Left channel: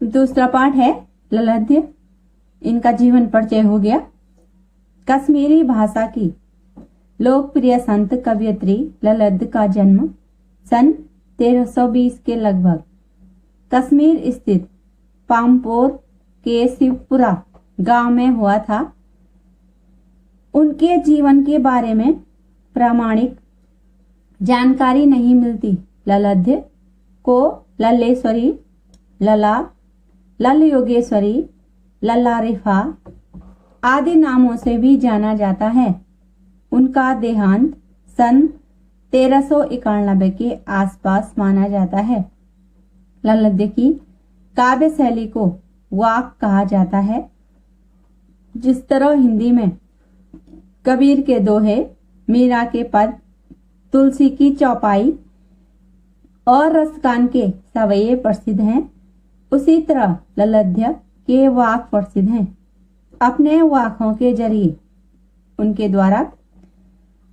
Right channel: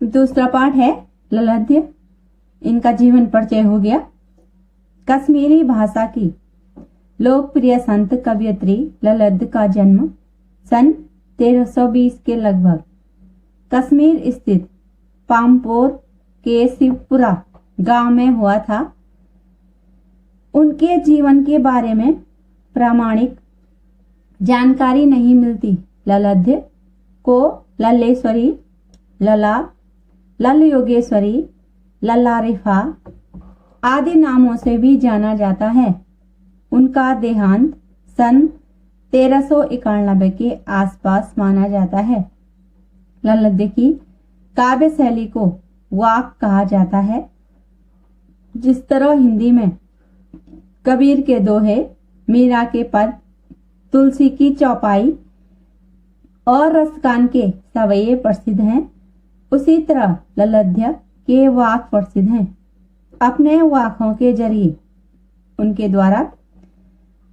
दूसरा पाठ है ललद्य। इनका जीवन परिचय हो गया। कश्मीरी भाषा की लोकप्रिय संत कवयित्री ललद्य का जन्म सन 1320 के लगभग कश्मीर स्थित पामपोर के शिवपुरा गांव में हुआ था। उनके जीवन के बारे में प्रामाणिक जानकारी नहीं मिलती। ललद्य को लल्लेश्वरी, लला, लल योगेश्वरी, लल्ला रिफा आदि नामों से भी जाना जाता है। उनका देहांत सन 1391 के आसपास माना जाता है। ललद्य की काव्य शैली को वाक कहा जाता है। जिस तरह हिंदी में कबीर के दोहे, मीरा के पद, तुलसी की चौपाई और रसकान के सवैये प्रसिद्ध हैं, उसी तरह ललद्य के वाक प्रसिद्ध हैं। अपने वाकों के जरिए उनके द्वारा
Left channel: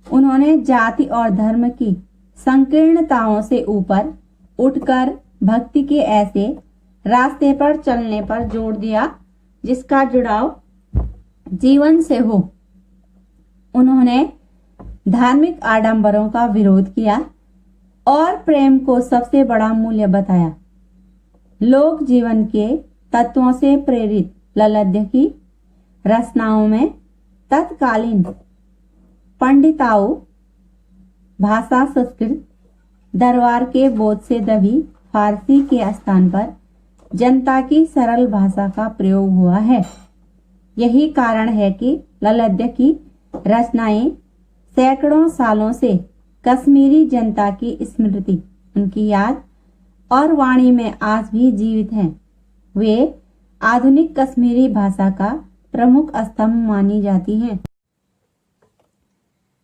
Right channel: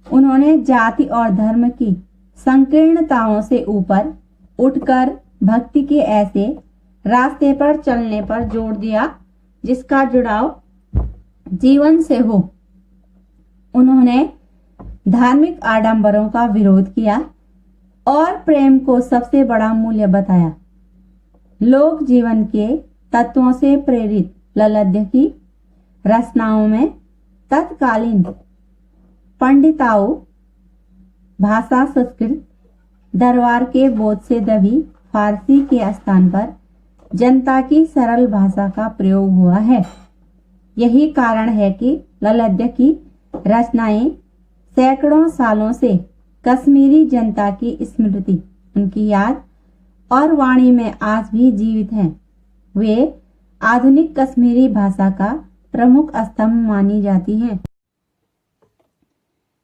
उन्होंने जाति और धर्म की संकीर्णताओं से ऊपर उठकर भक्ति के ऐसे रास्ते पर चलने पर जोर दिया जिसका जुड़ाव जीवन से हो। उन्होंने धार्मिक आडंबरों का विरोध किया और प्रेम को सबसे बड़ा मूल्य बताया। लोक जीवन के तत्वों से प्रेरित ललद्य की रचनाओं में तत्कालीन पंडिताओं, भाषा संस्कृत, दरबार के बोध से दबी फारसी के स्थान पर जनता की सरल भाषा का प्रयोग हुआ है। यही कारण है कि ललद्य की रचनाएं सैकड़ों सालों से कश्मीरी जनता की स्मृति, उनकी याद और वाणी में आज भी जीवित हैं। वे आधुनिक कश्मीरी भाषा का प्रमुख स्तंभ मानी जाती हैं।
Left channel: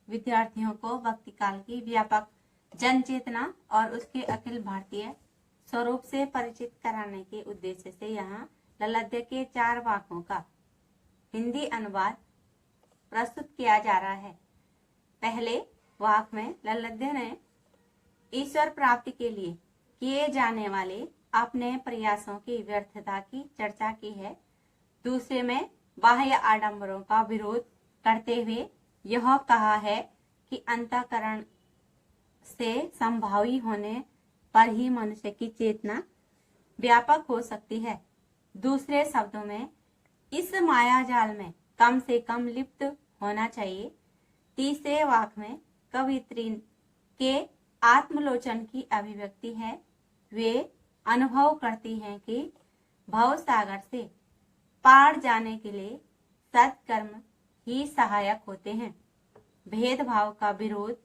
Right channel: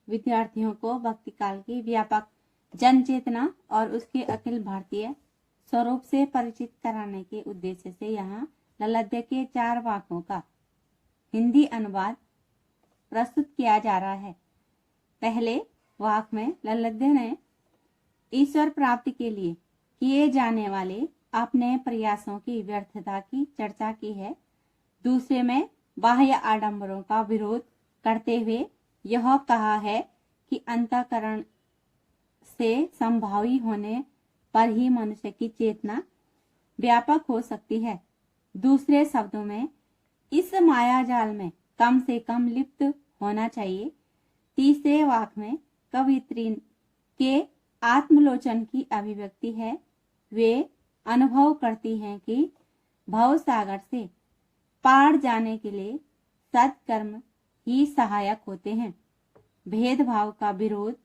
विद्यार्थियों को भक्ति काल की व्यापक जन चेतना और उसके अखिल भारतीय स्वरूप से परिचित कराने के उद्देश्य से यहाँ ललद्य के 4 वाकों का हिंदी अनुवाद प्रस्तुत किया जा रहा है। पहले वाक में ललद्य ने ईश्वर प्राप्ति के लिए किए जाने वाले अपने प्रयासों की व्यर्थता की चर्चा की है। दूसरे में बाह्य आडंबरों का विरोध करते हुए यह कहा है कि अंतःकरण से संभावी होने पर ही मनुष्य की चेतना व्यापक हो सकती है। दूसरे शब्दों में इस माया जाल में कम से कम लिप्त होना चाहिए। तीसरे वाक में कवयित्री के आत्मलोचन की अभिव्यक्ति है। वे अनुभव करती हैं कि भव सागर से पार जाने के लिए सत्कर्म ही सहायक होते हैं। भेदभाव का विरोध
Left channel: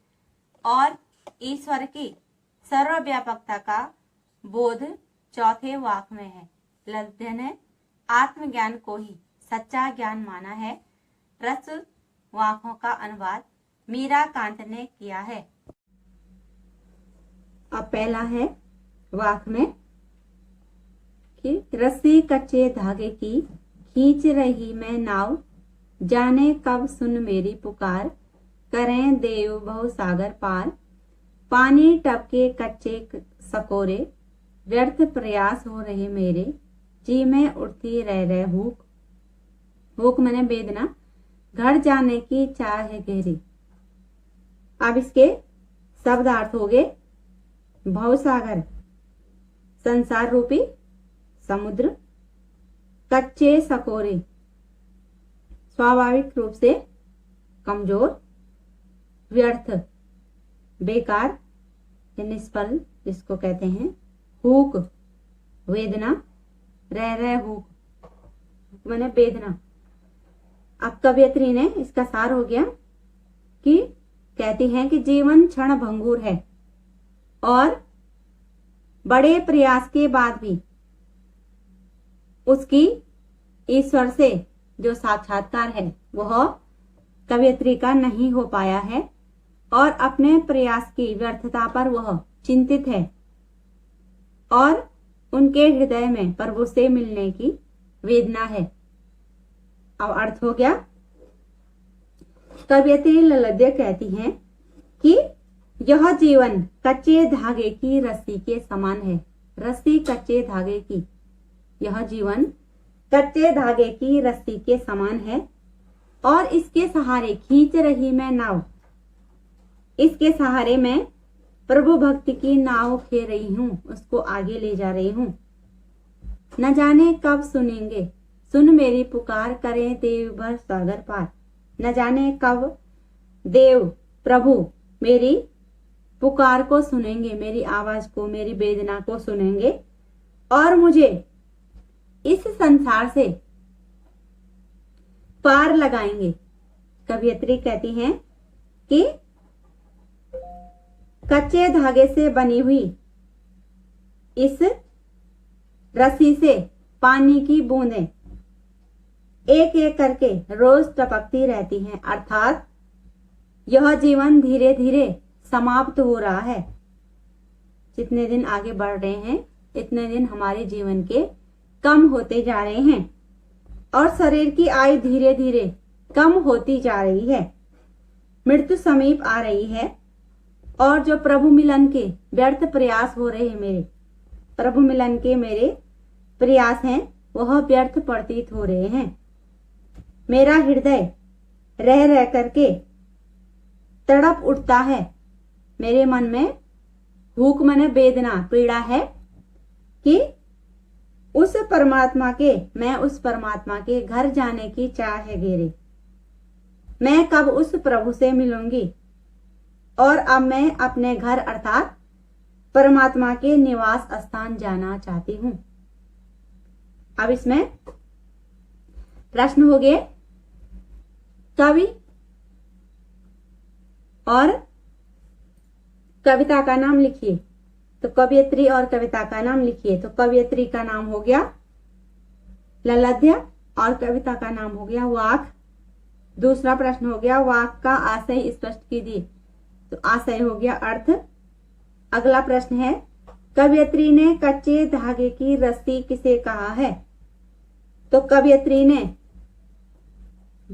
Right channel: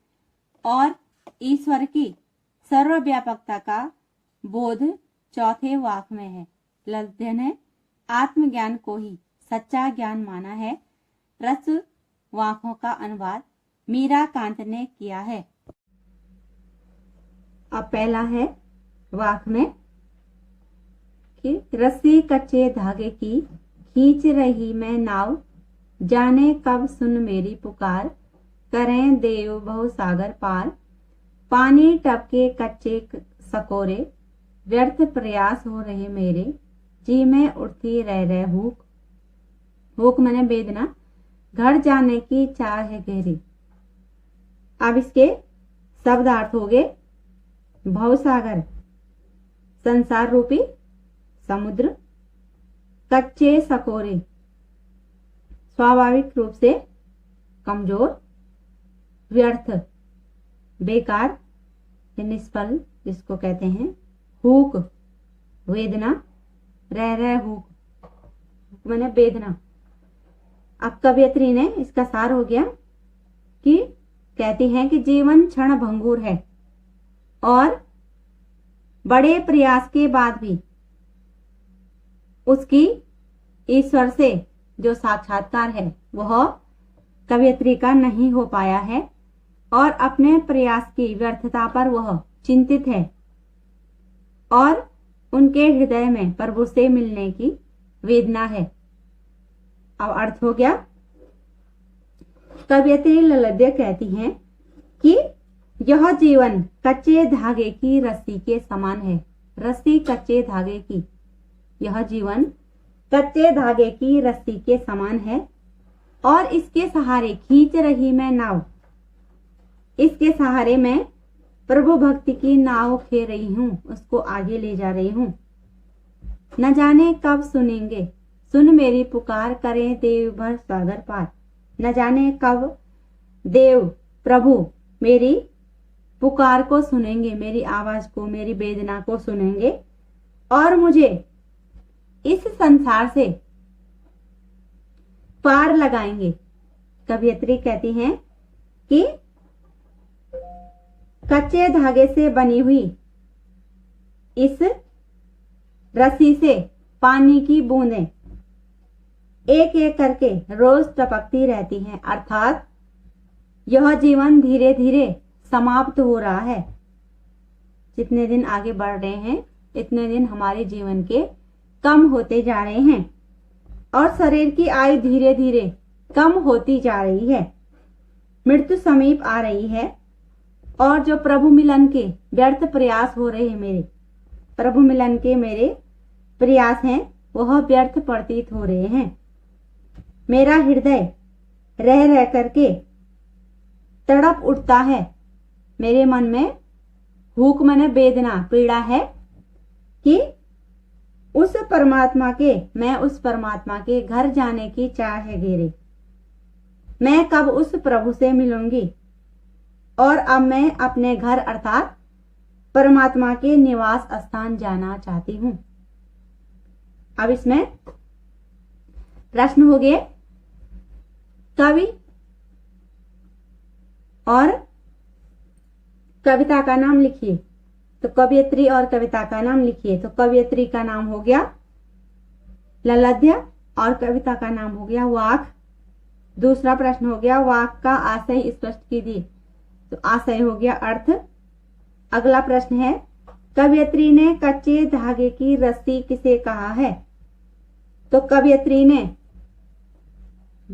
और ईश्वर की सर्वव्यापकता का बोध चौथे वाक में है। ललद्य ने आत्मज्ञान को ही सच्चा ज्ञान माना है। रस वाकों का अनुवाद मीरा कांत ने किया है। अब पहला है वाक में कि रस्सी कच्चे धागे की खींच रही मैं नाव, जाने कब सुन मेरी पुकार, करें देव बहु सागर पार, पानी टपके कच्चे सकोरे, व्यर्थ प्रयास हो रहे मेरे, जी में उठती रह हुक, हुक मैंने वेदना, घर जाने की चाह है गहरी। अब इसके शब्दार्थ हो गए। भवसागर संसार रूपी समुद्र, कच्चे सकोरे स्वाभाविक रूप से कमजोर, व्यर्थ बेकार निष्फल जिसको कहते हैं, हुक वेदना, रह हुक मैंने वेदना। अब कवयित्री ने इसका सार हो गया कि कहती हैं कि जीवन क्षण भंगुर है और बड़े प्रयास के बाद भी उसकी ईश्वर से जो साक्षात्कार है वह कवयित्री का नहीं हो पाया है और अपने प्रयास की व्यर्थता पर वह चिंतित है और उनके हृदय में प्रभु से मिलने की वेदना है। अब अर्थ हो गया। कवयित्री ललद्य कहती हैं कि यह जीवन कच्चे धागे की रस्सी के समान है। रस्सी कच्चे धागे की यह जीवन कच्चे धागे की रस्सी के समान है और इसके सहारे खींच रही मैं नाव। इसके सहारे मैं प्रभु भक्ति की नाव खेल रही हूँ, उसको आगे ले जा रही हूँ। न जाने कब सुनेंगे, सुन मेरी पुकार, करें देव भर सागर पार। न जाने कब देव प्रभु मेरी पुकार को सुनेंगे, मेरी आवाज को, मेरी वेदना को सुनेंगे और मुझे इस संसार से पार लगाएंगे। कवयित्री कहती हैं कि कच्चे धागे से बनी हुई इस रस्सी से पानी की बूंदें एक एक करके रोज टपकती रहती हैं, अर्थात यह जीवन धीरे धीरे समाप्त हो रहा है। जितने दिन आगे बढ़ रहे हैं इतने दिन हमारे जीवन के कम होते जा रहे हैं और शरीर की आयु धीरे धीरे कम होती जा रही है। मृत्यु समीप आ रही है और जो प्रभु मिलन के व्यर्थ प्रयास हो रहे हैं, मेरे प्रभु मिलन के मेरे प्रयास हैं वह व्यर्थ प्रतीत हो रहे हैं। मेरा हृदय रह रह करके तड़प उठता है, मेरे मन में भूख मने वेदना पीड़ा है कि उस परमात्मा के, मैं उस परमात्मा के घर जाने की चाह है मेरे। मैं कब उस प्रभु से मिलूंगी और अब मैं अपने घर अर्थात परमात्मा के निवास स्थान जाना चाहती हूं। अब इसमें प्रश्न हो गए, कवि और कविता का नाम लिखिए। तो कवयित्री और कविता का नाम लिखिए। तो कवयित्री का नाम हो गया ललाध्या और कविता का नाम हो गया वाक। दूसरा प्रश्न हो गया वाक का आशय स्पष्ट कीजिए। तो आशय हो गया अर्थ। अगला प्रश्न है कवयित्री ने कच्चे धागे की रस्सी किसे कहा है? तो कवयित्री ने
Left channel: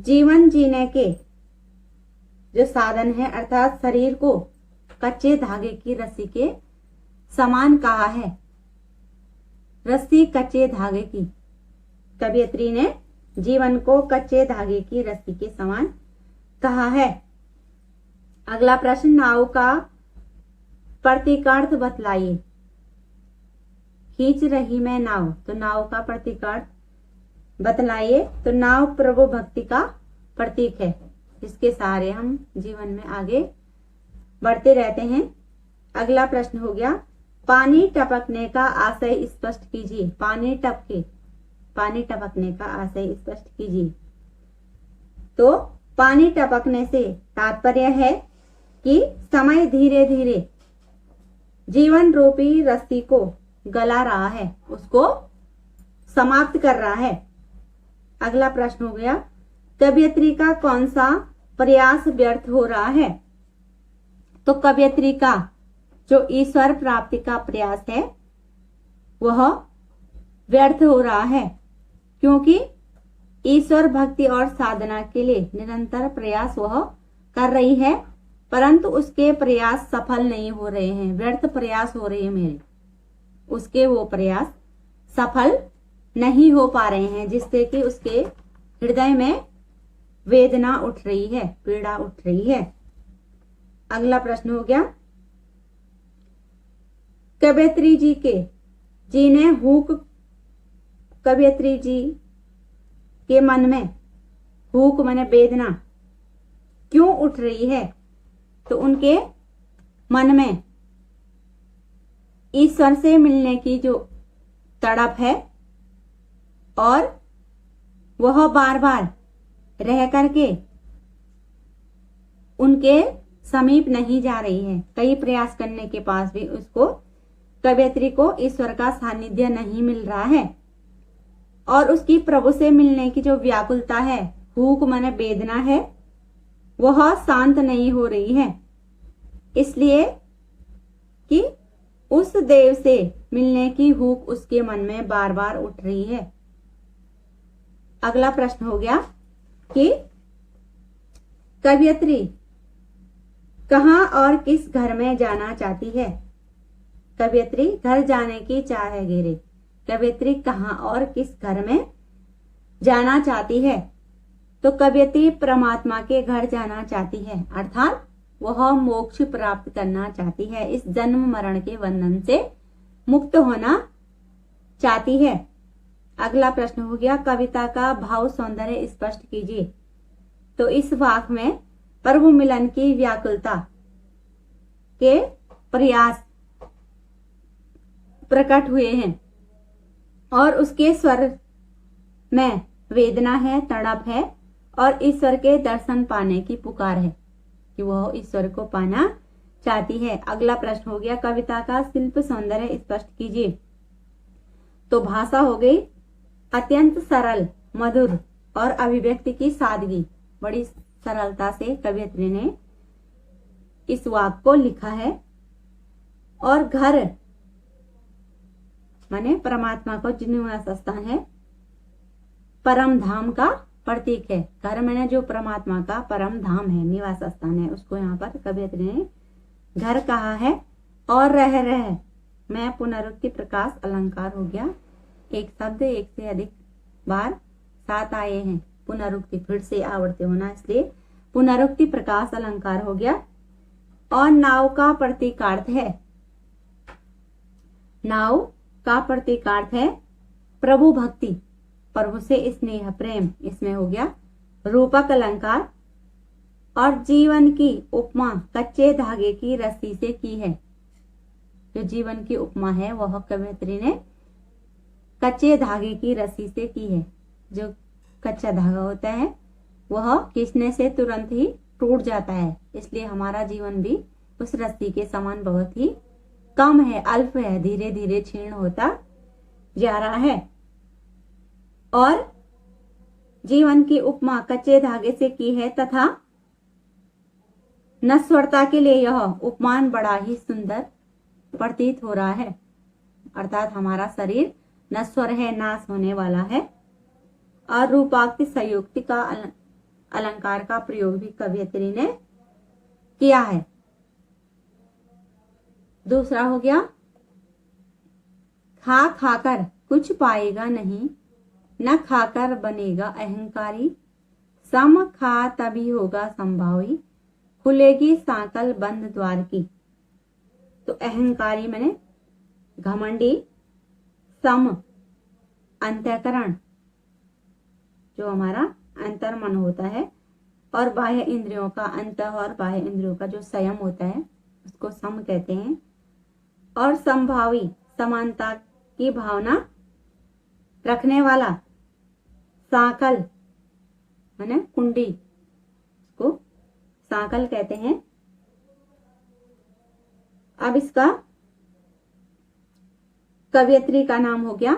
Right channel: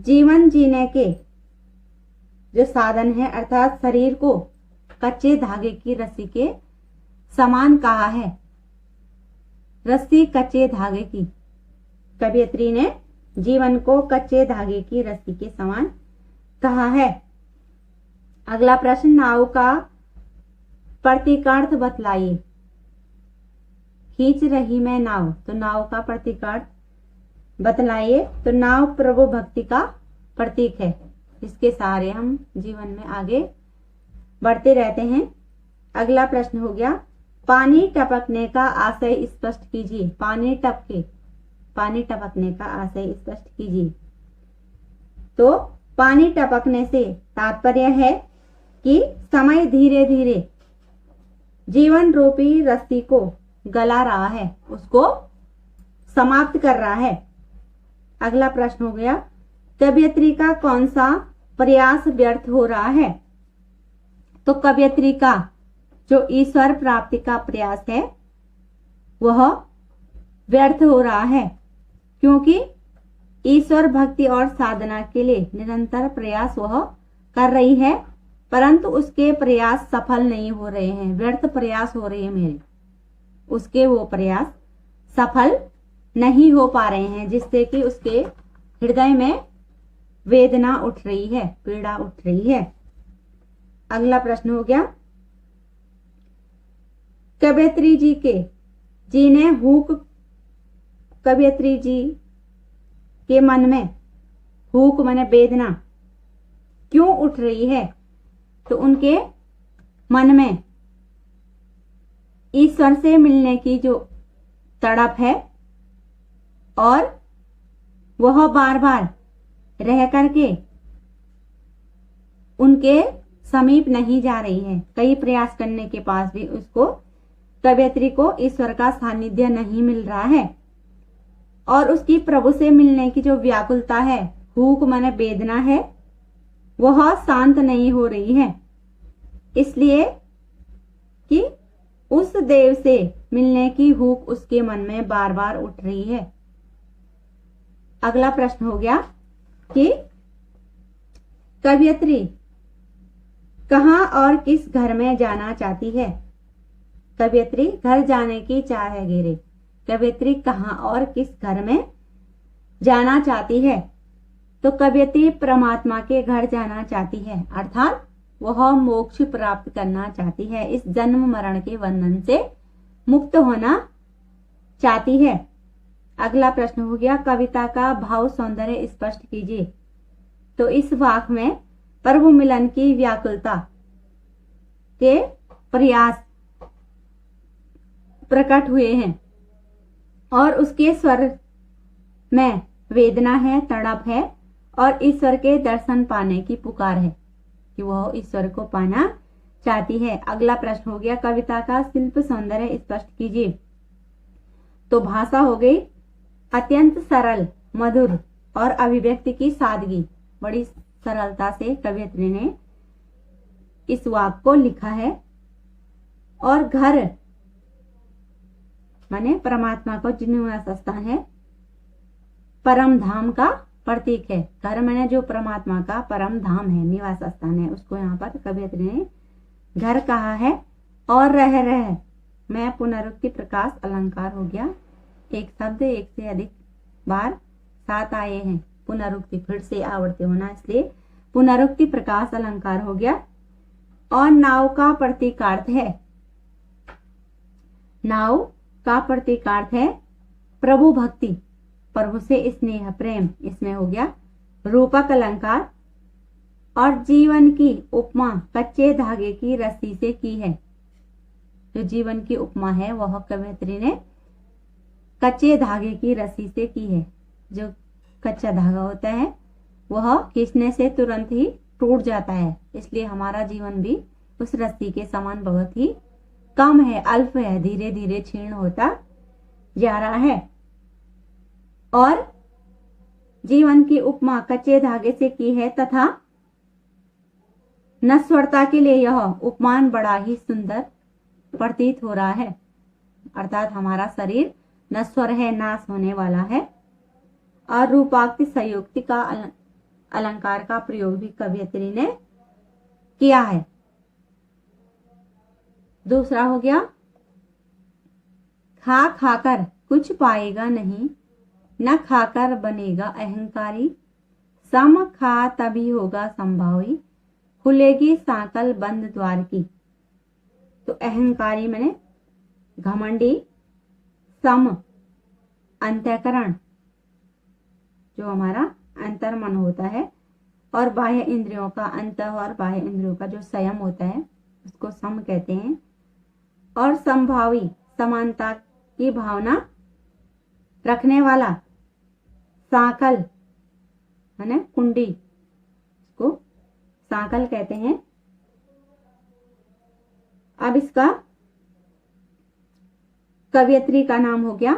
जीवन जीने के जो साधन है अर्थात शरीर को कच्चे धागे की रस्सी के समान कहा है। रस्सी कच्चे धागे की, कवयित्री ने जीवन को कच्चे धागे की रस्सी के समान कहा है। अगला प्रश्न नाव का प्रतीकार्थ बतलाइए। खींच रही मैं नाव, तो नाव का प्रतीकार्थ बतलाइए। तो नाव प्रभु भक्ति का प्रतीक है जिसके सहारे हम जीवन में आगे बढ़ते रहते हैं। अगला प्रश्न हो गया पानी टपकने का आशय स्पष्ट कीजिए। पानी टपकने का आशय स्पष्ट कीजिए। तो पानी टपकने से तात्पर्य है कि समय धीरे धीरे जीवन रूपी रस्सी को गला रहा है, उसको समाप्त कर रहा है। अगला प्रश्न हो गया कवयित्री का कौन सा प्रयास व्यर्थ हो रहा है? तो कवयित्री का जो ईश्वर प्राप्ति का प्रयास है वह व्यर्थ हो रहा है, क्योंकि ईश्वर भक्ति और साधना के लिए निरंतर प्रयास वह कर रही है, परंतु उसके प्रयास सफल नहीं हो रहे हैं, व्यर्थ प्रयास हो रहे हैं मेरे। उसके वो प्रयास सफल नहीं हो पा रहे हैं, जिससे कि उसके हृदय में वेदना उठ रही है, पीड़ा उठ रही है। अगला प्रश्न हो गया कवयित्री जी के मन में हुक माने वेदना क्यों उठ रही है? तो उनके मन में ईश्वर से मिलने की जो तड़प है और वह बार बार रह करके उनके समीप नहीं जा रही है। कई प्रयास करने के पास भी उसको कवयित्री को ईश्वर का सानिध्य नहीं मिल रहा है और उसकी प्रभु से मिलने की जो व्याकुलता है, हुक माने वेदना है, वह शांत नहीं हो रही है, इसलिए कि उस देव से मिलने की हुक उसके मन में बार बार उठ रही है। अगला प्रश्न हो गया कि कवयित्री कहाँ और किस घर में जाना चाहती है? कवयित्री घर जाने की चाह है घेरे। कवयित्री कहाँ और किस घर में जाना चाहती है? तो कवयित्री परमात्मा के घर जाना चाहती है, अर्थात वह मोक्ष प्राप्त करना चाहती है, इस जन्म मरण के बंधन से मुक्त होना चाहती है। अगला प्रश्न हो गया, कविता का भाव सौंदर्य स्पष्ट कीजिए। तो इस वाक में प्रभु मिलन की व्याकुलता के प्रयास प्रकट हुए हैं और उसके स्वर में वेदना है, तड़प है और ईश्वर के दर्शन पाने की पुकार है कि वह ईश्वर को पाना चाहती है। अगला प्रश्न हो गया, कविता का शिल्प सौंदर्य स्पष्ट कीजिए। तो भाषा हो गई अत्यंत सरल, मधुर और अभिव्यक्ति की सादगी, बड़ी सरलता से कवयित्री ने इस वाक्य को लिखा है। और घर माने परमात्मा को निवास स्थान है, परम धाम का प्रतीक है। घर माने जो परमात्मा का परम धाम है, निवास स्थान है, उसको यहाँ पर कवयित्री ने घर कहा है। और रह में पुनरुक्ति प्रकाश अलंकार हो गया। एक शब्द एक से अधिक बार साथ आए हैं, पुनरुक्ति फिर से आवर्ती होना, इसलिए पुनरुक्ति प्रकाश अलंकार हो गया। और नाव का प्रतीकार्थ है, नाव का प्रतीकार्थ है प्रभु भक्ति, प्रभु से स्नेह प्रेम, इसमें हो गया रूपक अलंकार। और जीवन की उपमा कच्चे धागे की रस्सी से की है। जो जीवन की उपमा है वह कवयित्री ने कच्चे धागे की रस्सी से की है। जो कच्चा धागा होता है वह खींचने से तुरंत ही टूट जाता है, इसलिए हमारा जीवन भी उस रस्सी के समान बहुत ही कम है, अल्प है, धीरे धीरे क्षीण होता जा रहा है। और जीवन की उपमा कच्चे धागे से की है तथा नश्वरता के लिए यह उपमान बड़ा ही सुंदर प्रतीत हो रहा है, अर्थात हमारा शरीर नश्वर है, नाश होने वाला है। और रूपाक्ति संयुक्ति का अलंकार का प्रयोग भी कवयित्री ने किया है। दूसरा हो गया, खा खाकर कुछ पाएगा नहीं, न खाकर बनेगा अहंकारी, सम खा तभी होगा संभावी, खुलेगी सांकल बंद द्वार की। तो अहंकारी मैंने घमंडी, सम अंतःकरण जो हमारा अंतर मन होता है, और बाह्य इंद्रियों का अंत और बाह्य इंद्रियों का जो संयम होता है उसको सम कहते हैं। और संभावी समानता की भावना रखने वाला, सांकल माने कुंडी को सांकल कहते हैं। अब इसका कवयित्री का नाम हो गया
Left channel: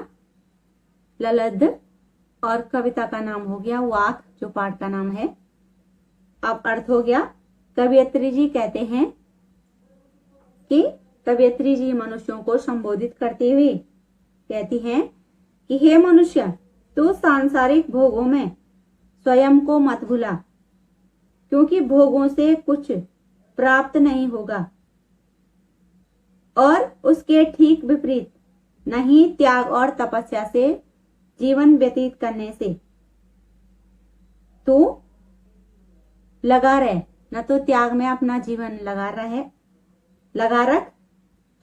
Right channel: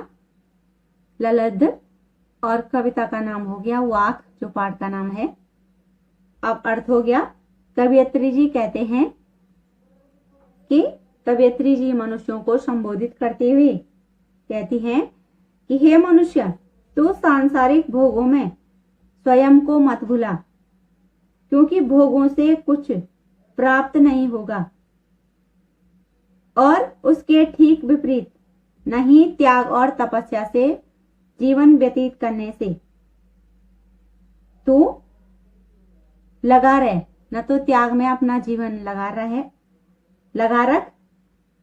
ललद्ध और कविता का नाम हो गया वाक, जो पाठ का नाम है। अब अर्थ हो गया, कवयित्री जी कहते हैं कि कवयित्री जी मनुष्यों को संबोधित करते हुए कहती हैं कि हे मनुष्य, तू सांसारिक भोगों में स्वयं को मत भुला, क्योंकि भोगों से कुछ प्राप्त नहीं होगा, और उसके ठीक विपरीत नहीं त्याग और तपस्या से जीवन व्यतीत करने से तू लगा रहे, न तो त्याग में अपना जीवन लगा रख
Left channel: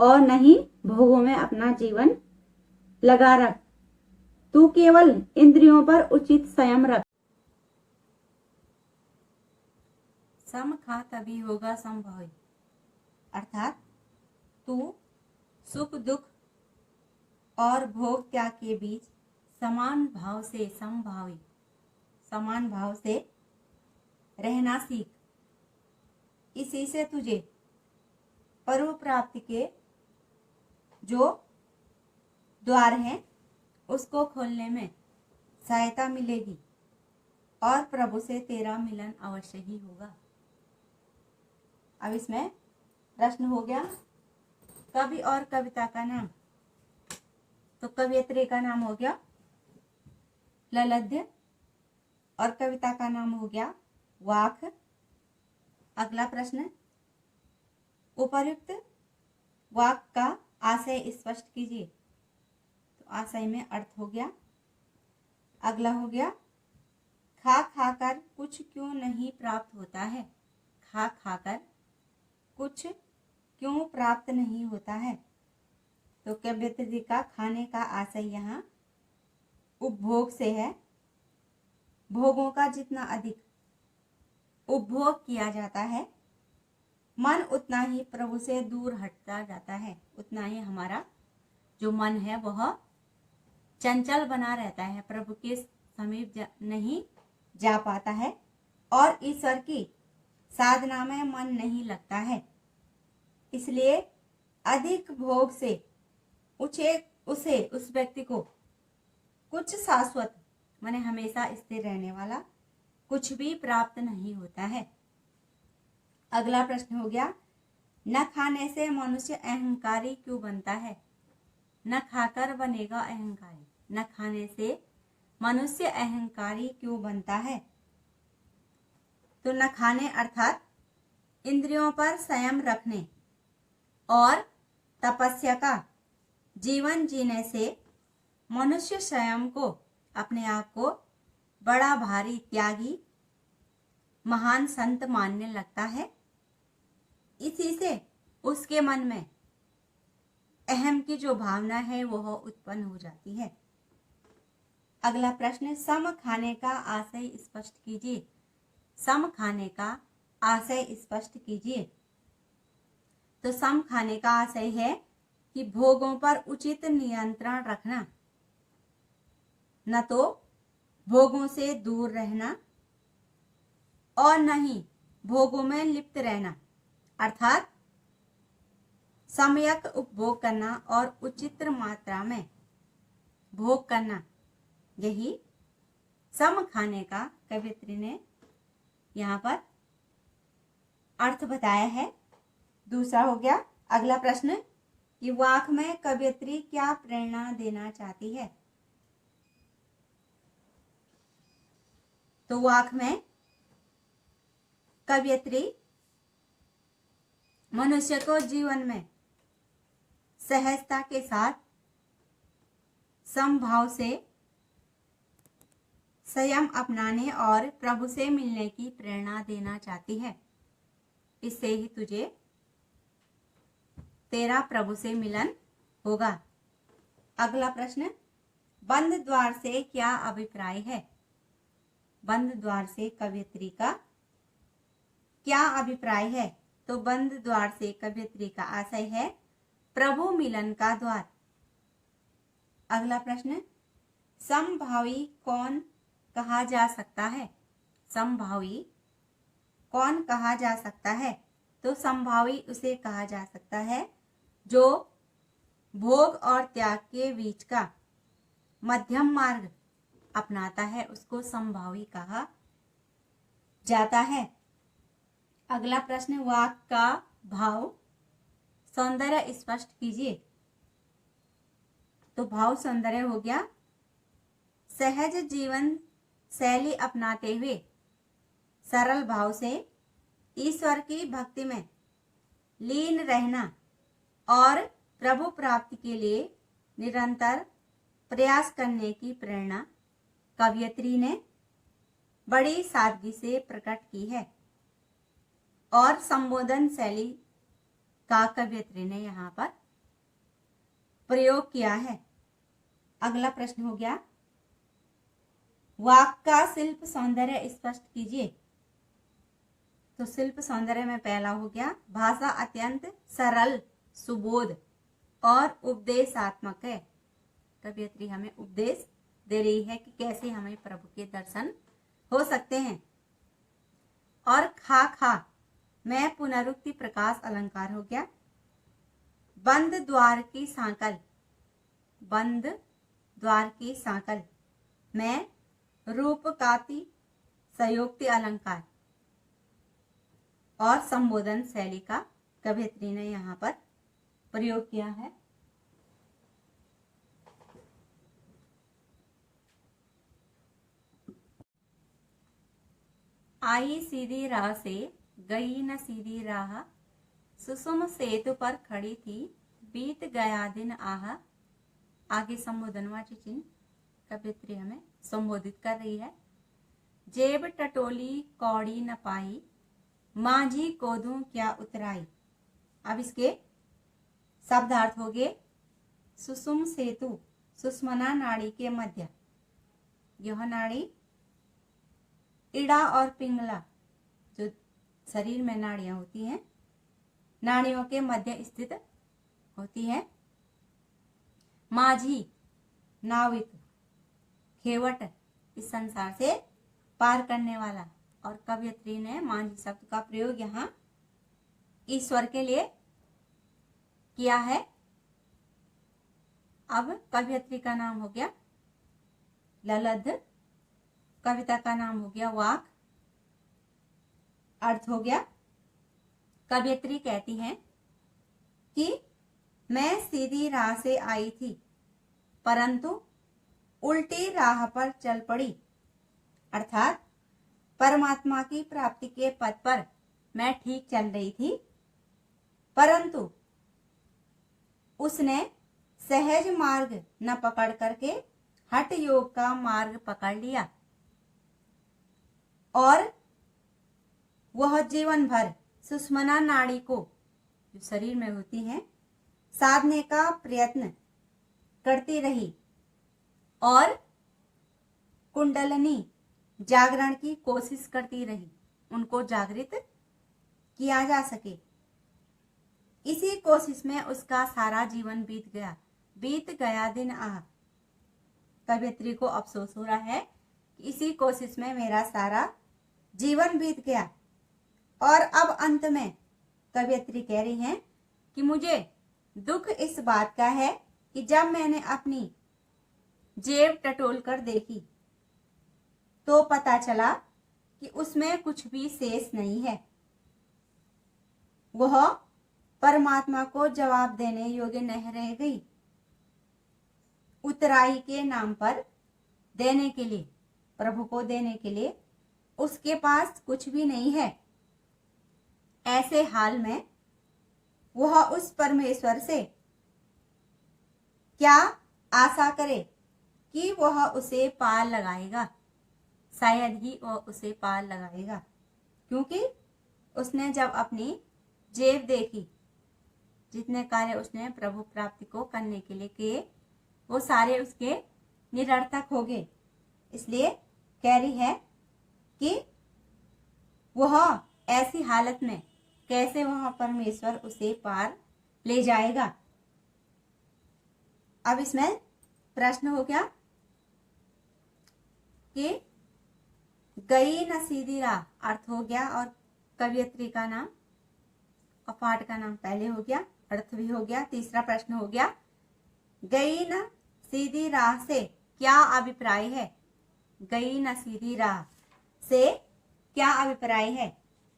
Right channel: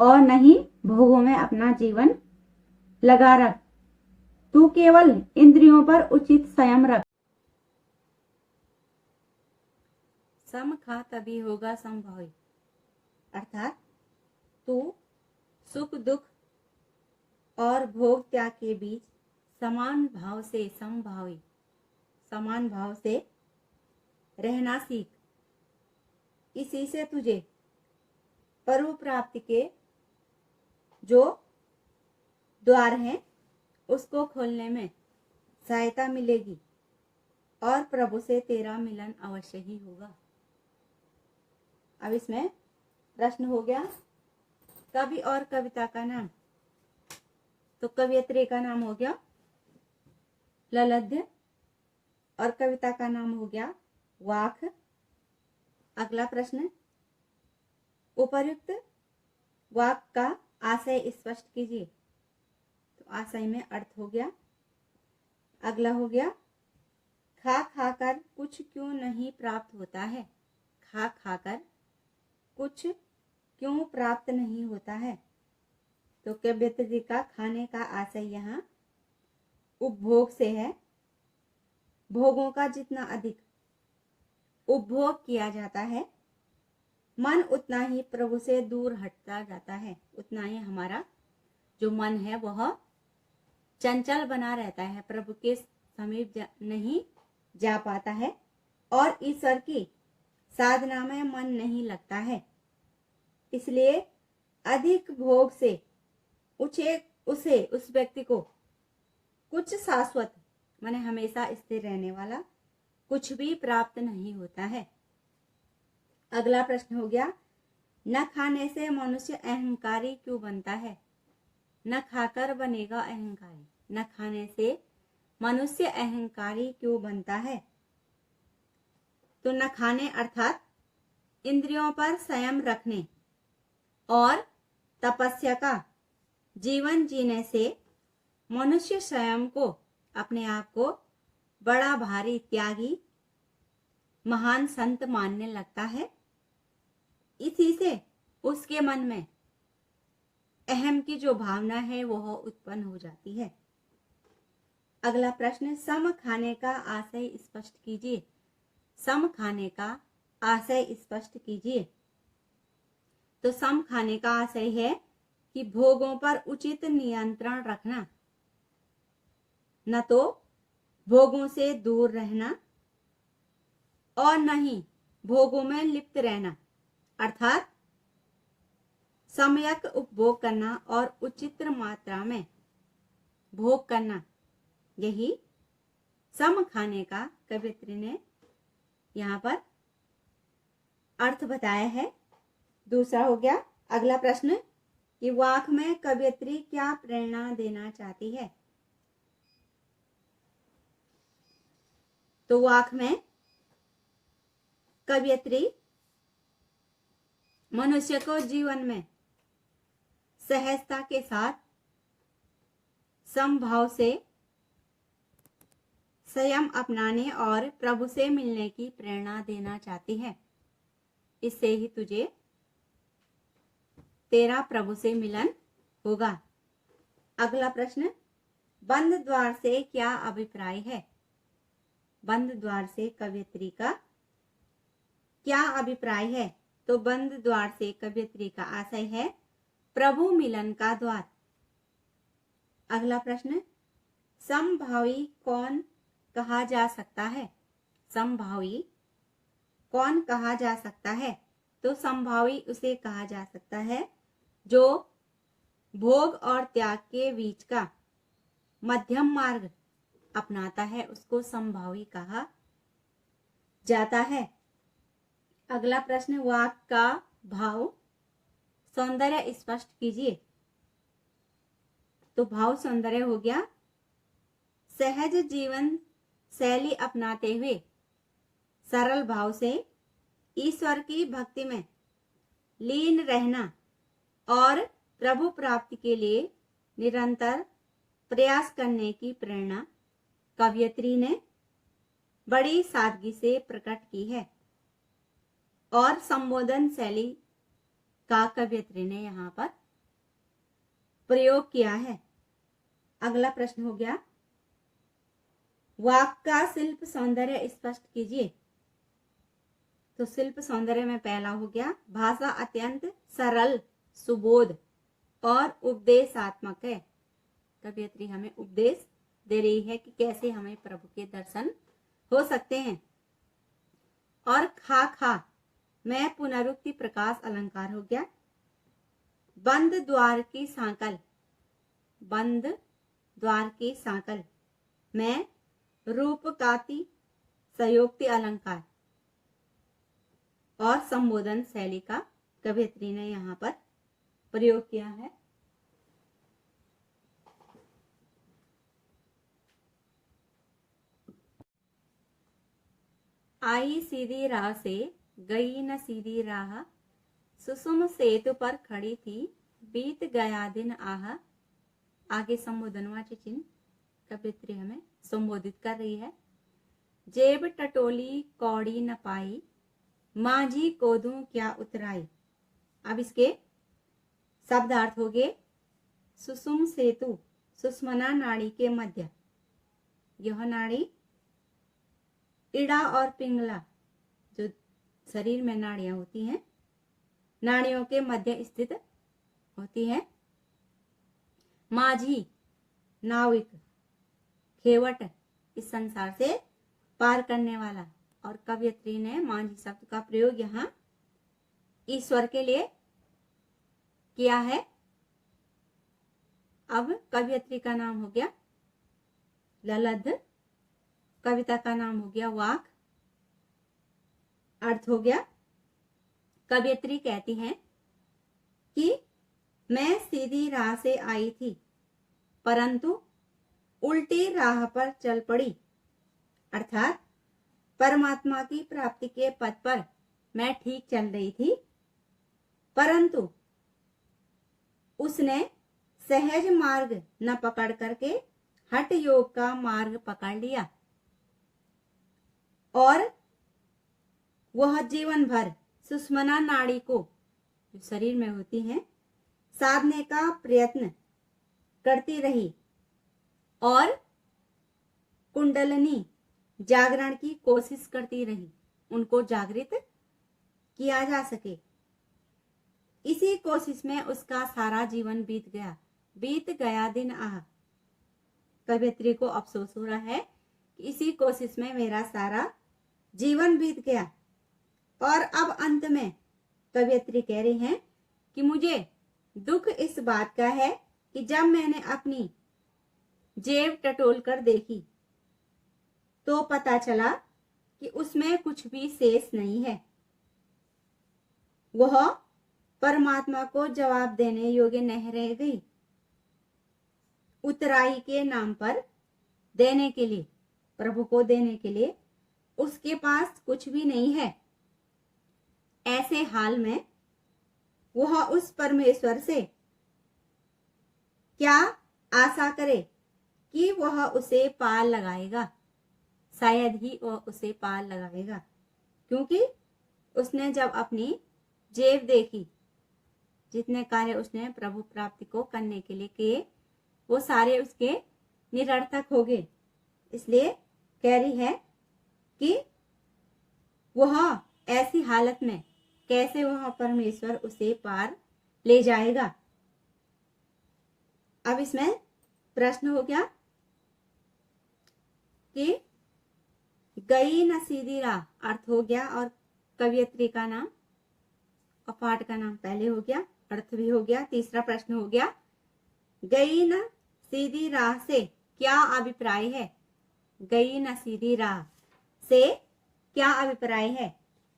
और नहीं भोगों में अपना जीवन लगा रख। तू केवल इंद्रियों पर उचित संयम रख। सम खा तभी होगा संभावी, अर्थात तू सुख दुख और भोग त्याग के बीच समान भाव से रहना सीख। इसी से तुझे परम प्राप्ति के जो द्वार हैं उसको खोलने में सहायता मिलेगी और प्रभु से तेरा मिलन अवश्य ही होगा। अब इसमें प्रश्न हो गया, कवि और कविता का नाम। तो कवयित्री का नाम हो गया ललद्य और कविता का नाम हो गया वाक। अगला प्रश्न, उपर्युक्त वाक का आशय स्पष्ट कीजिए। तो आशय में अर्थ हो गया। अगला हो गया खा खाकर कुछ क्यों नहीं प्राप्त होता है। खा खाकर कुछ क्यों प्राप्त नहीं होता है। तो कवियत्री का खाने का आशय यहाँ उपभोग से है। भोगों का जितना अधिक उपभोग किया जाता है, मन उतना ही प्रभु से दूर हटता जाता है, उतना ही हमारा जो मन है वह चंचल बना रहता है, प्रभु के समीप नहीं जा पाता है और ईश्वर की साधना में मन नहीं लगता है। इसलिए अधिक भोग से उस व्यक्ति को कुछ शाश्वत माने हमेशा स्थिर रहने वाला कुछ भी प्राप्त नहीं होता है। अगला प्रश्न हो गया न खाने से मनुष्य अहंकारी क्यों बनता है। न खाकर बनेगा अहंकारी। न खाने से मनुष्य अहंकारी क्यों बनता है। तो न खाने अर्थात इंद्रियों पर संयम रखने और तपस्या का जीवन जीने से मनुष्य स्वयं को अपने आप को बड़ा भारी त्यागी महान संत मानने लगता है। इसी से उसके मन में अहम की जो भावना है वह उत्पन्न हो जाती है। अगला प्रश्न सम खाने का आशय स्पष्ट कीजिए। सम खाने का आशय स्पष्ट कीजिए। तो सम खाने का आशय है कि भोगों पर उचित नियंत्रण रखना, न तो भोगों से दूर रहना और न ही भोगों में लिप्त रहना, अर्थात सम्यक उपभोग करना और उचित मात्रा में भोग करना। यही सम खाने का कवियत्री ने यहाँ पर अर्थ बताया है। दूसरा हो गया अगला प्रश्न कि वाक में कवियत्री क्या प्रेरणा देना चाहती है। तो वाक में कवियत्री मनुष्य को जीवन में सहजता के साथ समभाव से संयम अपनाने और प्रभु से मिलने की प्रेरणा देना चाहती है। इससे ही तुझे तेरा प्रभु से मिलन होगा। अगला प्रश्न बंद द्वार से क्या अभिप्राय है। बंद द्वार से कवियत्री का क्या अभिप्राय है। तो बंद द्वार से कवियत्री का आशय है प्रभु मिलन का द्वार। अगला प्रश्न समभावी कौन कहा जा सकता है। समभावी कौन कहा जा सकता है। तो समभावी उसे कहा जा सकता है जो भोग और त्याग के बीच का मध्यम मार्ग अपनाता है, उसको समभावी कहा जाता है। अगला प्रश्न वाक का भाव सौंदर्य स्पष्ट कीजिए। तो भाव सौंदर्य हो गया सहज जीवन शैली अपनाते हुए सरल भाव से ईश्वर की भक्ति में लीन रहना और प्रभु प्राप्ति के लिए निरंतर प्रयास करने की प्रेरणा कवियत्री ने बड़ी सादगी से प्रकट की है और संबोधन शैली का कवियत्री ने यहाँ पर प्रयोग किया है। अगला प्रश्न हो गया वाक का शिल्प सौंदर्य स्पष्ट कीजिए। तो शिल्प सौंदर्य में पहला हो गया भाषा अत्यंत सरल सुबोध और उपदेशात्मक है। कवियत्री हमें उपदेश दे रही है कि कैसे हमें प्रभु के दर्शन हो सकते हैं। और खा खा में पुनरुक्ति प्रकाश अलंकार हो गया बंद द्वार की सांकल। बंद द्वार की सांकल में रूपकाति संयोक्ति अलंकार और संबोधन शैली का कवियत्री ने यहाँ पर प्रयोग किया है। आई सीधी राह से गई न सीधी राह सुसुम सेतु पर खड़ी थी बीत गया दिन आह आगे संबोधनवाची चिन्ह कवियत्री हमें संबोधित कर रही है। जेब टटोली कौड़ी न पाई, माझी को दूं क्या उतराई। अब इसके शब्दार्थ हो गए। सुषुम सेतु, सुषुम्ना नाड़ी के मध्य, यह नाड़ी इड़ा और पिंगला जो शरीर में नाड़ियां होती हैं, नाड़ियों के मध्य स्थित होती है। माझी नाविक, खेवट इस संसार से पार करने वाला। और कवियत्री ने माझी शब्द का प्रयोग यहाँ ईश्वर के लिए किया है। अब कवियत्री का नाम हो गया ललध, कविता का नाम हो गया वाक। अर्थ हो गया, कवियत्री कहती हैं कि मैं सीधी राह से आई थी परंतु उल्टी राह पर चल पड़ी। अर्थात परमात्मा की प्राप्ति के पथ पर मैं ठीक चल रही थी, परंतु उसने सहज मार्ग न पकड़ करके हठ योग का मार्ग पकड़ लिया और वह जीवन भर सुषुम्ना नाड़ी को जो शरीर में होती है साधने का प्रयत्न करती रही और कुंडलनी जागरण की कोशिश करती रही, उनको जागृत किया जा सके। इसी कोशिश में उसका सारा जीवन बीत गया दिन आह। कवियत्री को अफसोस हो रहा है कि इसी कोशिश में मेरा सारा जीवन बीत गया। और अब अंत में कवियत्री कह रही हैं कि मुझे दुख इस बात का है कि जब मैंने अपनी जेब टटोल कर देखी तो पता चला कि उसमें कुछ भी शेष नहीं है। वह परमात्मा को जवाब देने योग्य नहीं रह गई। उतराई के नाम पर देने के लिए, प्रभु को देने के लिए उसके पास कुछ भी नहीं है। ऐसे हाल में वह उस परमेश्वर से क्या आशा करे कि वह उसे पार लगाएगा। शायद ही वह उसे पार लगाएगा, क्योंकि उसने जब अपनी जेब देखी, जितने कार्य उसने प्रभु प्राप्ति को करने के लिए किए वो सारे उसके निरर्थक हो गए। इसलिए कह रही है कि वह ऐसी हालत में कैसे वह परमेश्वर उसे पार ले जाएगा। अब इसमें प्रश्न हो गया कि गई न सीधी राह, अर्थ हो गया और कवियत्री का नाम और पाठ का नाम पहले हो गया, अर्थ भी हो गया। तीसरा प्रश्न हो गया गई न सीधी राह से क्या अभिप्राय है। गई न सीधी राह से क्या अभिप्राय है।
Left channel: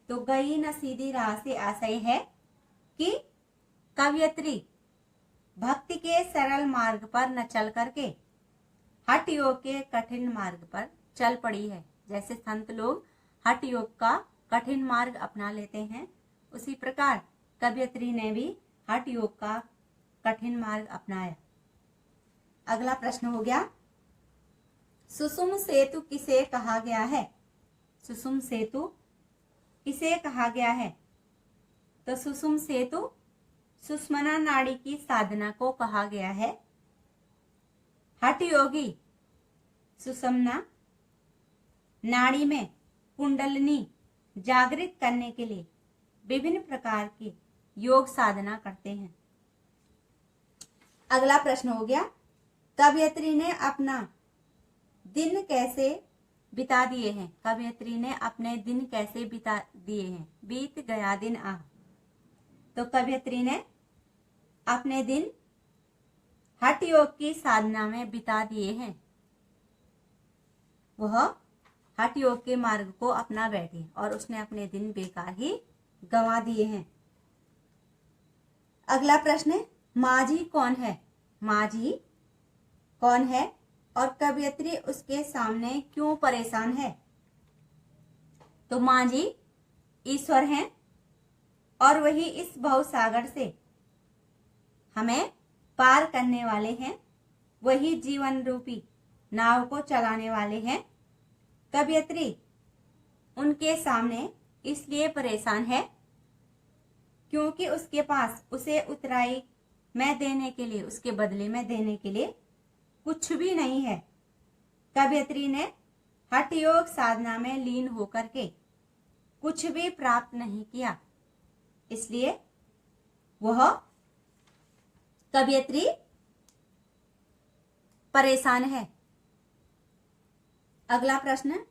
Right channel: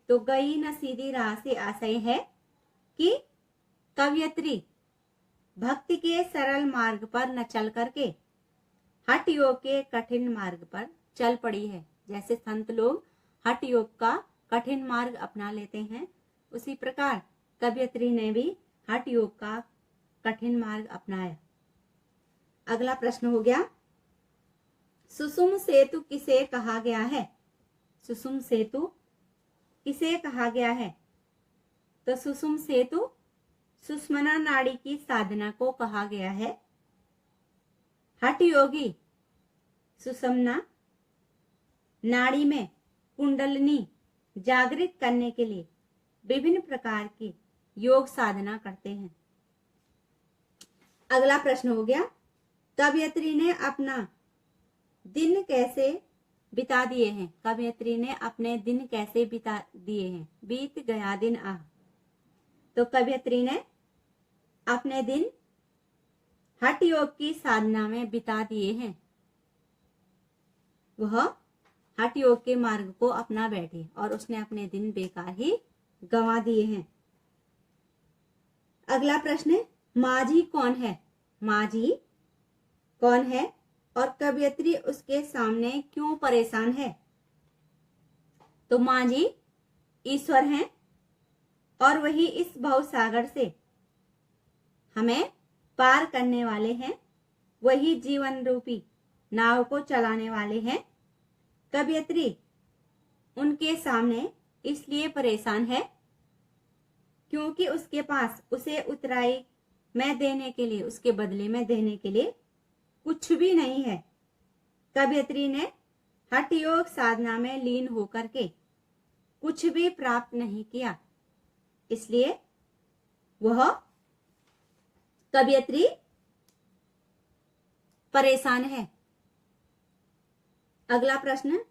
तो गई न सीधी राह से आशय है कि कवियत्री भक्ति के सरल मार्ग पर न चल करके हठ योग के कठिन मार्ग पर चल पड़ी है। जैसे संत लोग हठ योग का कठिन मार्ग अपना लेते हैं, उसी प्रकार कवियत्री ने भी हठ योग का कठिन मार्ग अपनाया। अगला प्रश्न हो गया सुषुम सेतु किसे कहा गया है। सुषुम सेतु किसे कहा गया है। तो सुषुम सेतु सुषुम्ना नाड़ी की साधना को कहा गया है। हठ योगी सुषुम्ना नाड़ी में कुंडलिनी जागृत करने के लिए विभिन्न प्रकार की योग साधना करते हैं। अगला प्रश्न हो गया कवियत्री ने अपना दिन कैसे बिता दिए हैं। कवियत्री ने अपने दिन कैसे बिता दिए हैं। बीत गया दिन आह। तो कवियत्री ने अपने दिन हठ योग की साधना में बिता दिए हैं। वह हठ योग के मार्ग को अपना बैठी और उसने अपने दिन बेकार ही गंवा दिए हैं। अगला प्रश्न माझी कौन है। माझी कौन है और कवियत्री उसके सामने क्यों परेशान है। तो माझी ईश्वर हैं और वही इस भव सागर से हमें पार करने वाले हैं। वही जीवन रूपी नाव को चलाने वाले हैं। कवयित्री उनके सामने इसलिए परेशान है क्योंकि उसके पास उसे उतराई में देने के लिए, उसके बदले में देने के लिए कुछ भी नहीं है। कवयित्री ने हठ योग साधना में लीन होकर के कुछ भी प्राप्त नहीं किया, इसलिए वह कवयित्री परेशान है। अगला प्रश्न,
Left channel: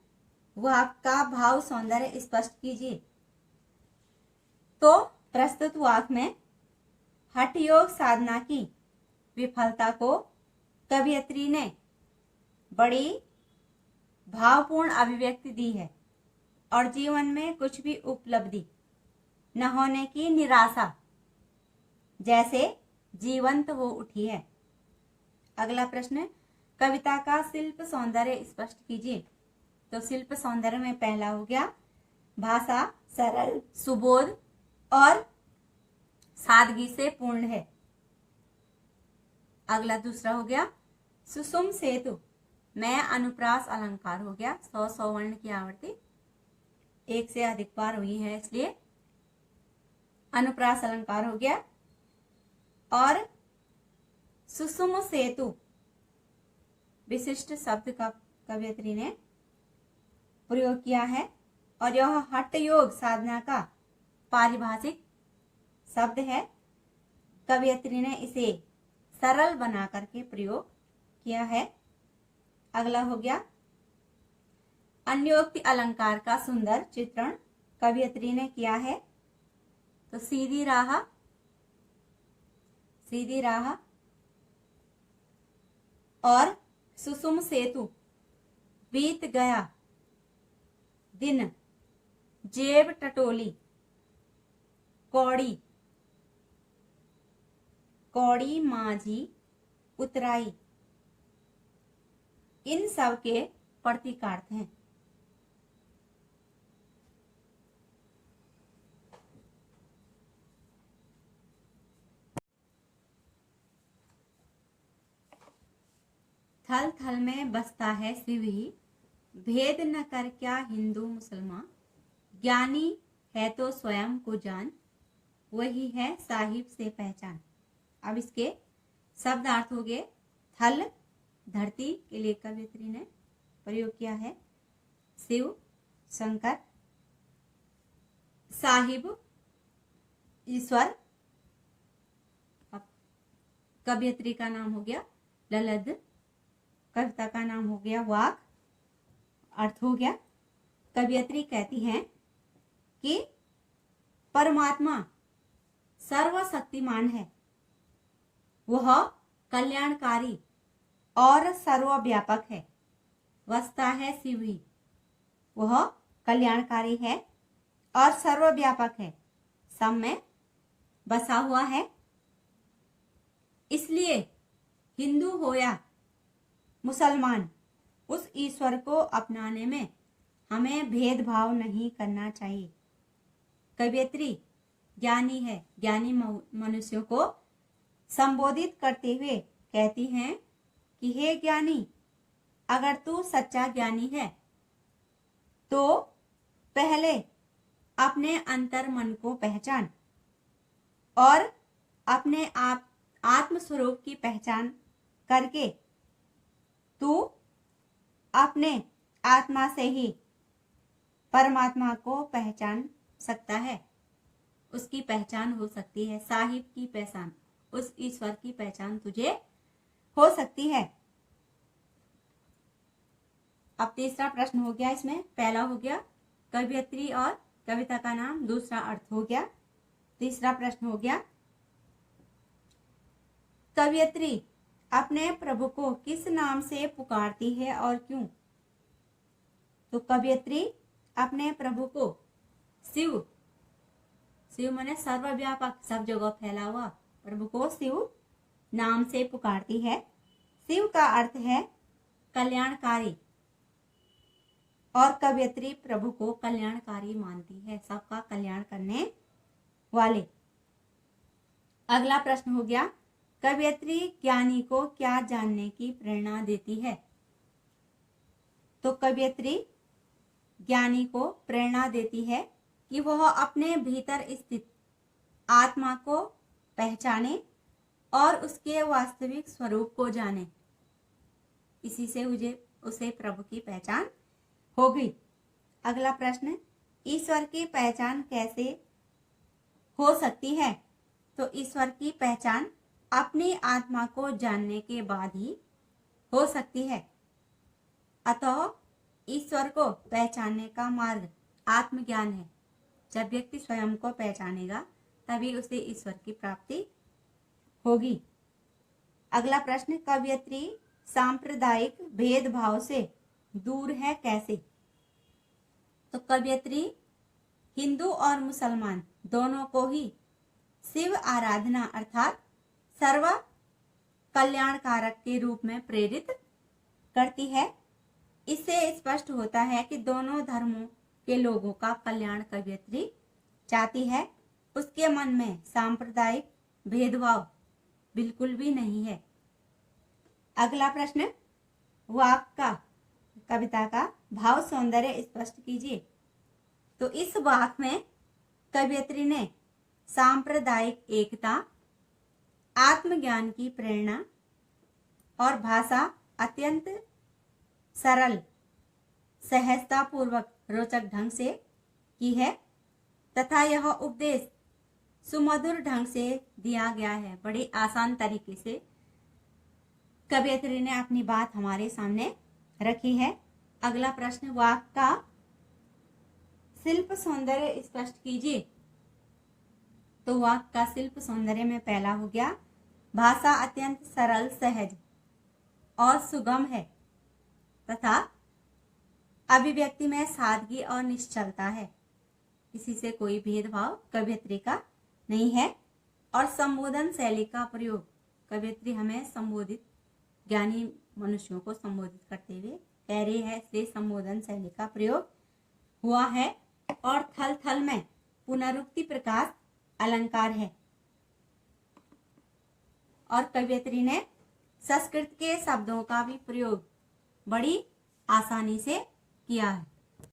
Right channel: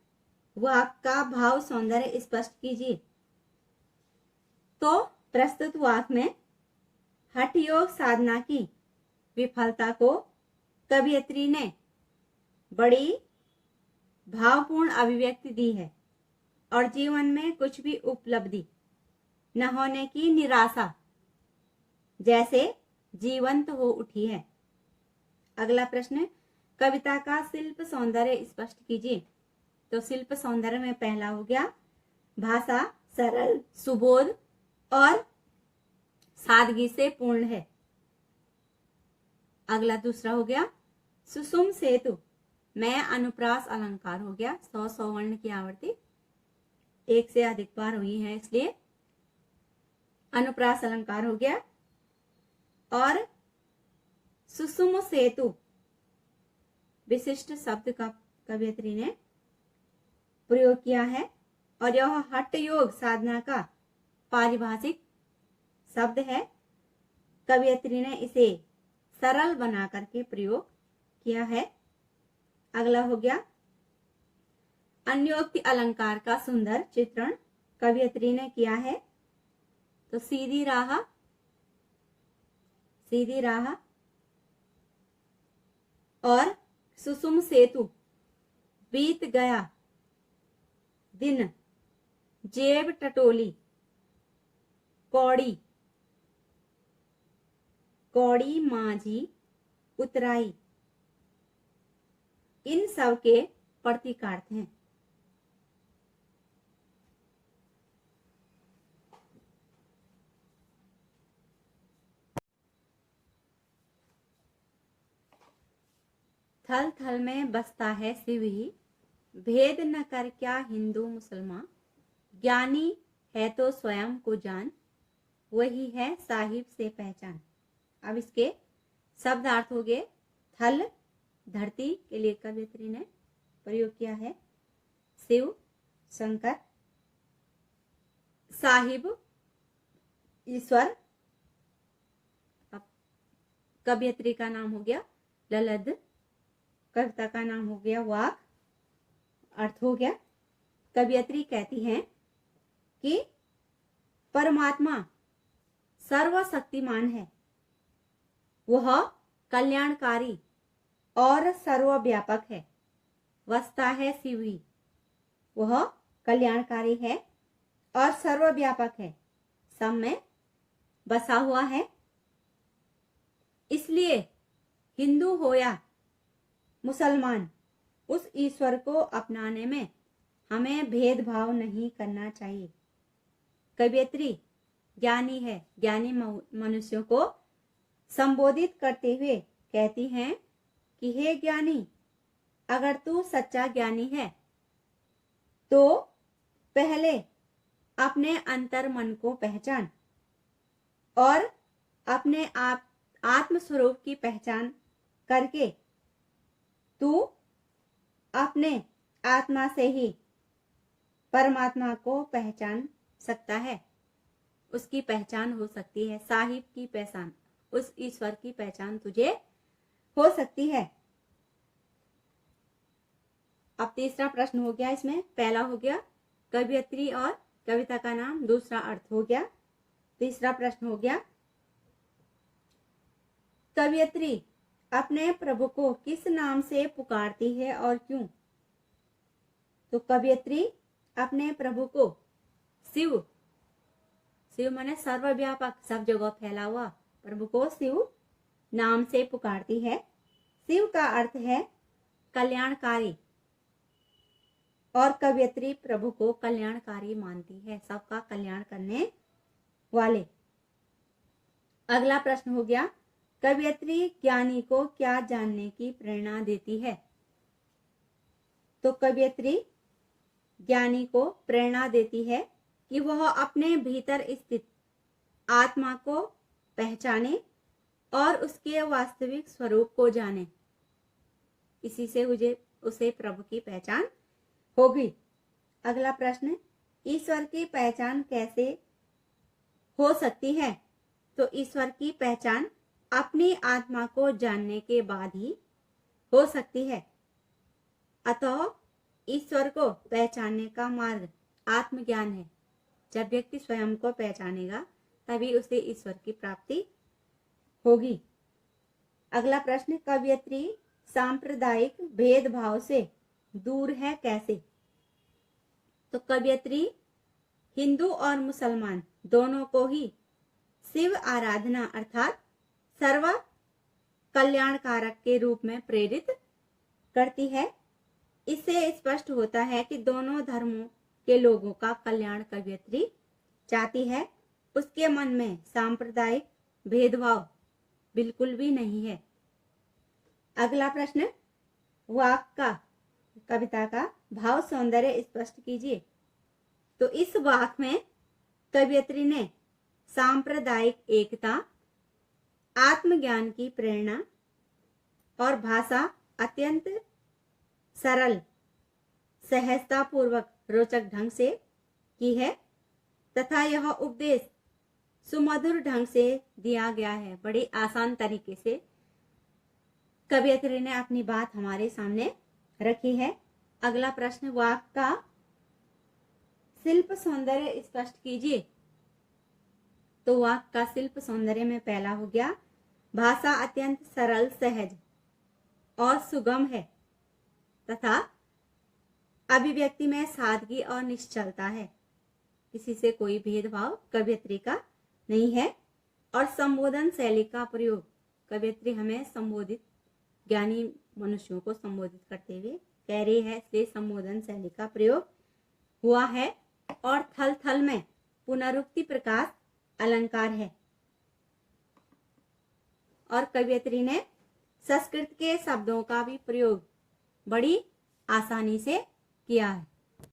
वाक्य का भाव सौंदर्य स्पष्ट कीजिए। तो प्रस्तुत वाक्य में हठ योग साधना की विफलता को कवयित्री ने बड़ी भावपूर्ण अभिव्यक्ति दी है और जीवन में कुछ भी उपलब्धि न होने की निराशा जैसे जीवंत हो उठी है। अगला प्रश्न, कविता का शिल्प सौंदर्य स्पष्ट कीजिए। तो शिल्प सौंदर्य में पहला हो गया भाषा सरल, सुबोध और सादगी से पूर्ण है। अगला दूसरा हो गया सुषुम सेतु में अनुप्रास अलंकार हो गया। 100 वर्ण की आवर्ती एक से अधिक बार हुई है, इसलिए अनुप्रास अलंकार हो गया। और सुषुम सेतु विशिष्ट शब्द का कवयित्री ने प्रयोग किया है और यह हठ योग साधना का पारिभाषिक शब्द है। कवयित्री ने इसे सरल बना करके प्रयोग किया है। अगला हो गया अन्योक्ति अलंकार का सुंदर चित्रण कवयित्री ने किया है। तो सीधी राह और सुषुम सेतु, बीत गया दिन, जेब टटोली, कौड़ी, कौड़ी माझी उतराई, इन सब के प्रतीकार्थ हैं। थल थल में बसता है शिव ही, भेद न कर क्या हिंदू मुसलमान, ज्ञानी है तो स्वयं को जान, वही है साहिब से पहचान। अब इसके शब्दार्थ हो गए। थल धरती के लिए कवयित्री ने प्रयोग किया है, शिव शंकर, साहिब ईश्वर, कवयित्री का नाम हो गया ललद, कविता का नाम हो गया वाक। अर्थ हो गया कवयित्री कहती हैं कि परमात्मा सर्वशक्तिमान है, वह कल्याणकारी और सर्वव्यापक है। वसता है शिव ही, वह कल्याणकारी है और सर्वव्यापक है, सब में बसा हुआ है। इसलिए हिंदू हो या मुसलमान, उस ईश्वर को अपनाने में हमें भेदभाव नहीं करना चाहिए। कवयित्री ज्ञानी है, ज्ञानी मनुष्यों को संबोधित करते हुए कहती हैं कि हे ज्ञानी, अगर तू सच्चा ज्ञानी है तो पहले अपने अंतर मन को पहचान और अपने आप आत्म स्वरूप की पहचान करके तू अपने आत्मा से ही परमात्मा को पहचान सकता है, उसकी पहचान हो सकती है, साहिब की पहचान, उस ईश्वर की पहचान तुझे हो सकती है। अब तीसरा प्रश्न हो गया, इसमें पहला हो गया कवयित्री और कविता का नाम, दूसरा अर्थ हो गया। तीसरा प्रश्न हो गया कवयित्री अपने प्रभु को किस नाम से पुकारती है और क्यों। तो कवयित्री अपने प्रभु को शिव, शिव माने सर्वव्यापक, सब जगह फैला हुआ, प्रभु को शिव नाम से पुकारती है। शिव का अर्थ है कल्याणकारी और कवयित्री प्रभु को कल्याणकारी मानती है, सबका कल्याण करने वाले। अगला प्रश्न हो गया कवयित्री ज्ञानी को क्या जानने की प्रेरणा देती है? तो कवयित्री ज्ञानी को प्रेरणा देती है कि वह अपने भीतर स्थित आत्मा को पहचाने और उसके वास्तविक स्वरूप को जाने। इसी से उसे प्रभु की पहचान होगी। अगला प्रश्न, ईश्वर की पहचान कैसे हो सकती है? तो ईश्वर की पहचान अपनी आत्मा को जानने के बाद ही हो सकती है। अतः ईश्वर को पहचानने का मार्ग आत्मज्ञान है। जब व्यक्ति स्वयं को पहचानेगा तभी उसे ईश्वर की प्राप्ति होगी। अगला प्रश्न, कवयित्री सांप्रदायिक भेदभाव से दूर है कैसे? तो कवयित्री हिंदू और मुसलमान दोनों को ही शिव आराधना अर्थात सर्व कल्याणकारक के रूप में प्रेरित करती है। इससे स्पष्ट होता है कि दोनों धर्मों के लोगों का कल्याण कवयित्री चाहती है। उसके मन में सांप्रदायिक भेदभाव बिल्कुल भी नहीं है। अगला प्रश्न, वाक का कविता का भाव सौंदर्य स्पष्ट कीजिए। तो इस वाक में कवयित्री ने सांप्रदायिक एकता, आत्मज्ञान की प्रेरणा और भाषा अत्यंत सरल, सहजता पूर्वक रोचक ढंग से की है तथा यह उपदेश सुमधुर ढंग से दिया गया है। बड़ी आसान तरीके से कवयित्री ने अपनी बात हमारे सामने रखी है। अगला प्रश्न, वाक का शिल्प सौंदर्य स्पष्ट कीजिए। तो वाक का शिल्प सौंदर्य में पहला हो गया, भाषा अत्यंत सरल, सहज और सुगम है तथा अभिव्यक्ति में सादगी और निश्चलता है। किसी से कोई भेदभाव कवयित्री का नहीं है। और संबोधन शैली का प्रयोग, कवयित्री हमें संबोधित ज्ञानी मनुष्यों को संबोधित करते हुए कह रही है, से संबोधन शैली का प्रयोग हुआ है। और थल थल में पुनरुक्ति प्रकाश अलंकार है। और कवयित्री ने संस्कृत के शब्दों का भी प्रयोग बड़ी आसानी से किया है।